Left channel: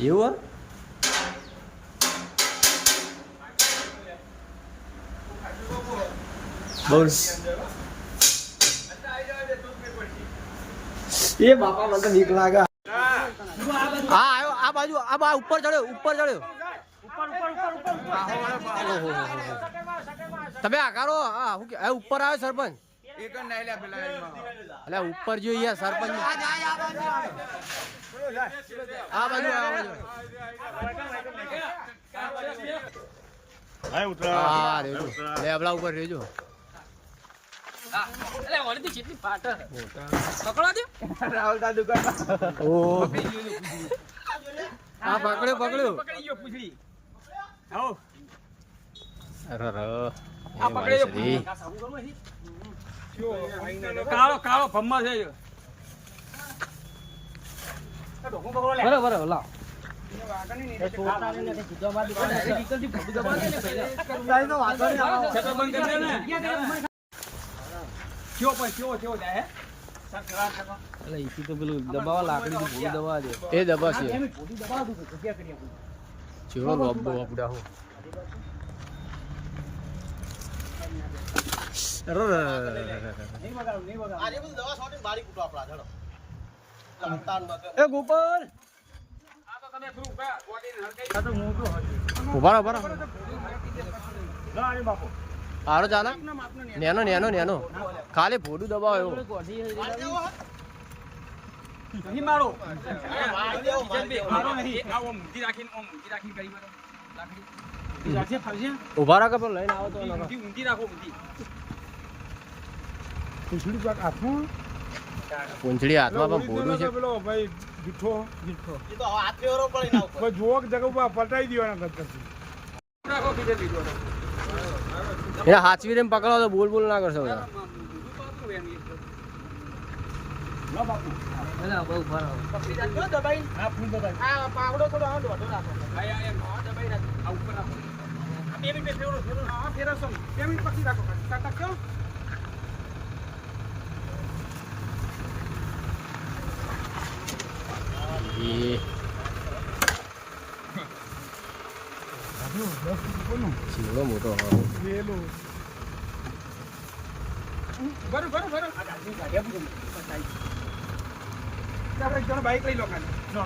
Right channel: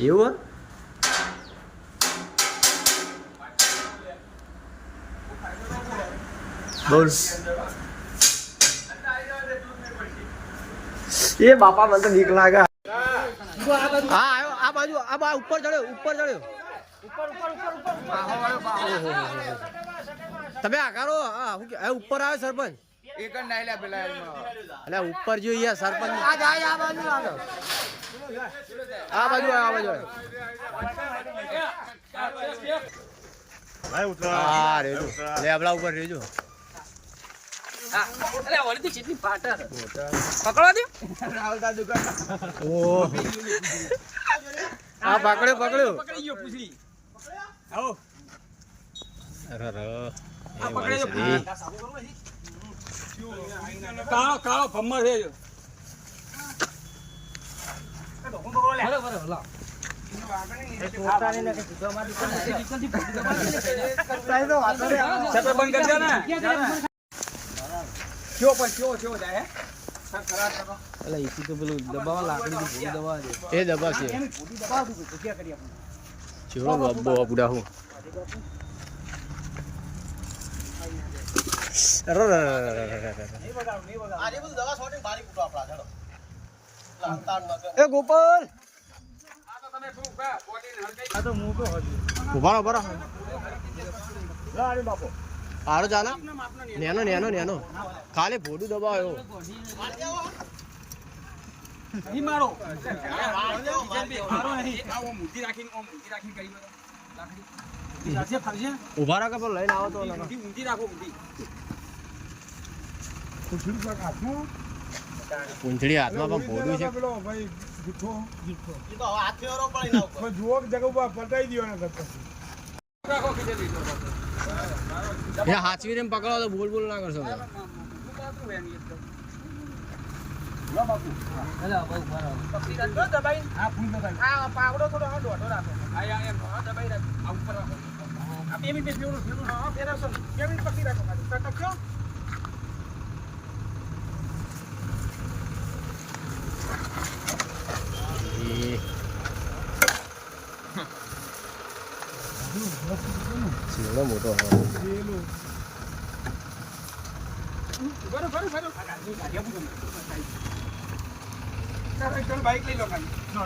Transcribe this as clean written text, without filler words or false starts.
એવું બોલ એ બાપા મને તો બીક લાગે. હા આવ્યો આ બાજુ આ ઉપર ચડ્યો તમે આકારો હા ઉપર આવ્યો સરપંચ એક જ નાયલા પેલા એટલે ઉપર જોઈએ સરપંચ આ બાજુ હા રેજો લેબડા ઉપર રેજો પકડ્યો કાળો કાળો ભમ્મર છે એ દબા છે ચેવડો લોબો આપડા હું એ ગોપાલ ઉભા સારો ચાલે નેનો ખાલી ભોડું દબાવ્યો ઉભા રાખે પણ લઈને આવો તો પૂંછડી હાથમાં પણ ભોડું છે ભાઈ જૂઠો જુઓ જગા પટાઈ દેવાના કરતા હાચવી ને પકડો તો બોલ ના કરશો ચેવડો મોટો બાઈક લઈ લો